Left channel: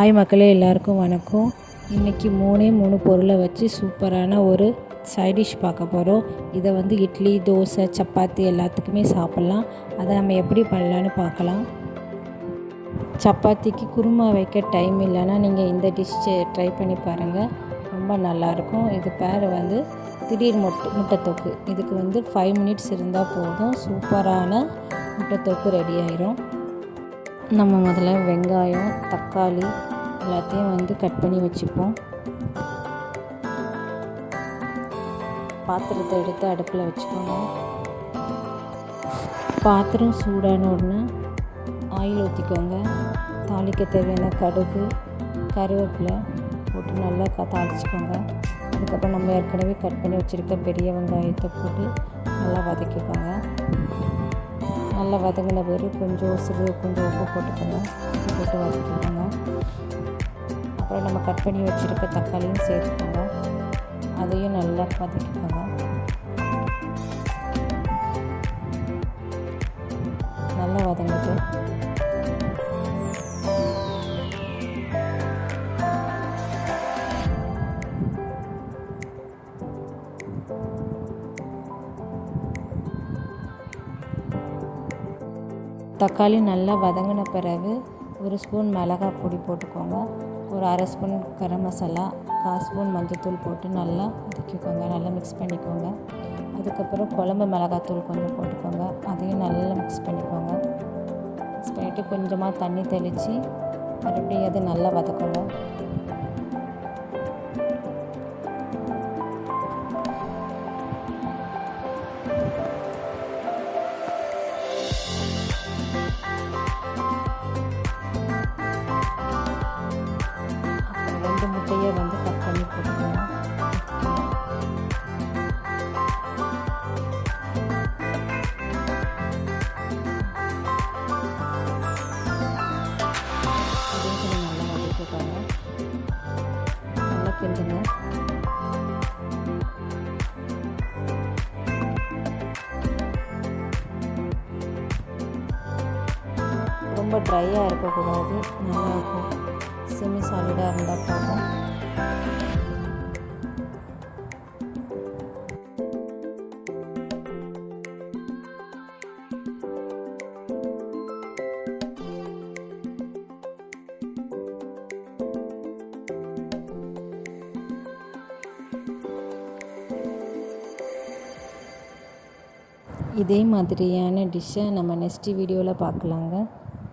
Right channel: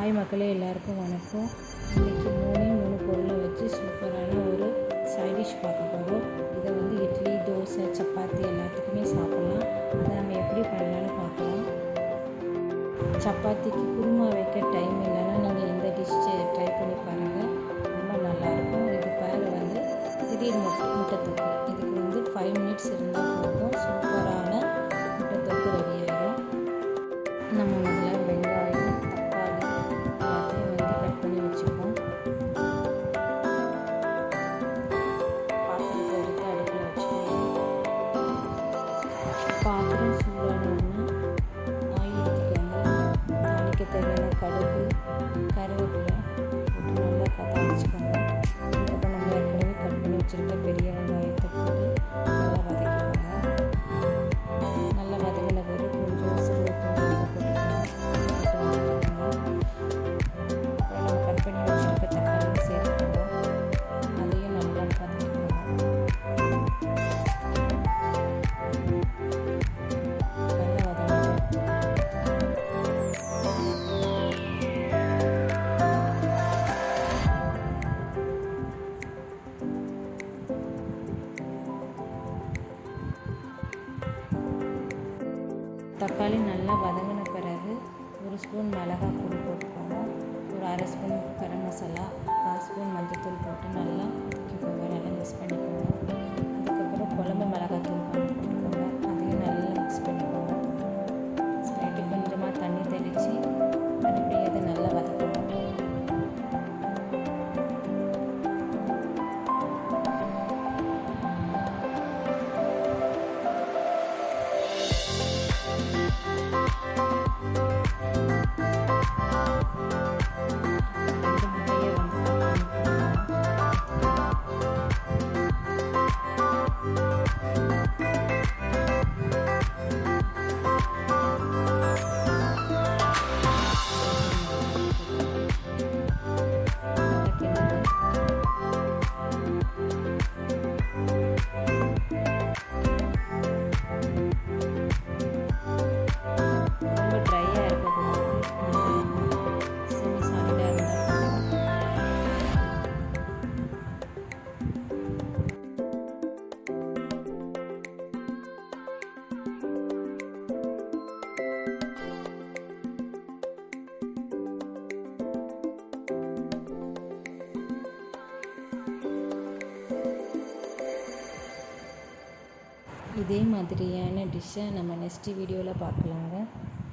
Hi மக்களே எல்லாருக்கும் வணக்கம். இன்றைக்கி மூணே மூணு பொருளை வச்சு சூப்பரான ஒரு சைடிஷ் பார்க்க போகிறோம் இதை வந்து இட்லி தோசை சப்பாத்தி எல்லாத்துக்குமே சாப்பிட்லாம். அதை நம்ம எப்படி பண்ணலான்னு பார்க்கலாம். சப்பாத்திக்கு குருமா வைக்க டைம் இல்லைன்னா நீங்கள் இந்த டிஷ் ட்ரை பண்ணி பாருங்கள் ரொம்ப நல்லாயிருக்கும். இது பேர் வந்து திடீர் முட்டை முட்டைத்தொக்கு. இதுக்கு வந்து ஃபைவ் மினிட்ஸ் இருந்தால் போதும். சூப்பரான முட்டைத்தொக்கு ரெடி ஆயிரும். நம்ம முதல்ல வெங்காயம் தக்காளி எல்லாத்தையும் வந்து கட் பண்ணி வச்சுப்போம். பாத்திரத்தை எடுத்து அடுப்பில் வச்சுக்கோங்க. பாத்திரம் சூடான உடனே ஆயில் ஊற்றிக்கோங்க தாளிக்க தேவையான கடுகு கருவேப்பிலை போட்டு நல்லா தாளிச்சுக்கோங்க. அதுக்கப்புறம் நம்ம ஏற்கனவே கட் பண்ணி வச்சுருக்க பெரிய வெங்காயத்தை போட்டு நல்லா வதக்கிக்கோங்க. வதங்கின பிறகு கொஞ்சம் சிறு கொஞ்சம் உப்பு போட்டுக்கணும். போட்டு வதக்கிக்கோங்க அப்புறம் நம்ம கட் பண்ணி வச்சுருக்க தக்காளியும் சேர்த்துக்கோங்க அதையும் நல்லா வதக்கிக்கோங்க தக்காளி நல்லா வதங்கின பிறகு ஒரு ஸ்பூன் மிளகாய் பொடி போட்டுக்கோங்க. ஒரு அரை ஸ்பூன் கரம் மசாலா கால் ஸ்பூன் மஞ்சள்தூள் போட்டு நல்லா வதக்கிக்கோங்க. நல்லா மிக்ஸ் பண்ணிக்கோங்க. அதுக்கப்புறம் குழம்பு மிளகாத்தூள் கொஞ்சம் போட்டுக்கோங்க. அதையும் நல்லா மிக்ஸ் பண்ணிக்கோங்க. மிக்ஸ் பண்ணிவிட்டு கொஞ்சமாக தண்ணி தெளித்து மறுபடியும் அதை நல்லா வதக்குவோம் ரொம்ப ட்ரையாக இருக்கக்கூடாது. நல்லாயிருக்கும் செமி சாலிடாக இருந்தால் போதும். இதே மாதிரியான டிஷ்ஷை நம்ம நெக்ஸ்ட் வீடியோவில் பார்க்கலாங்க.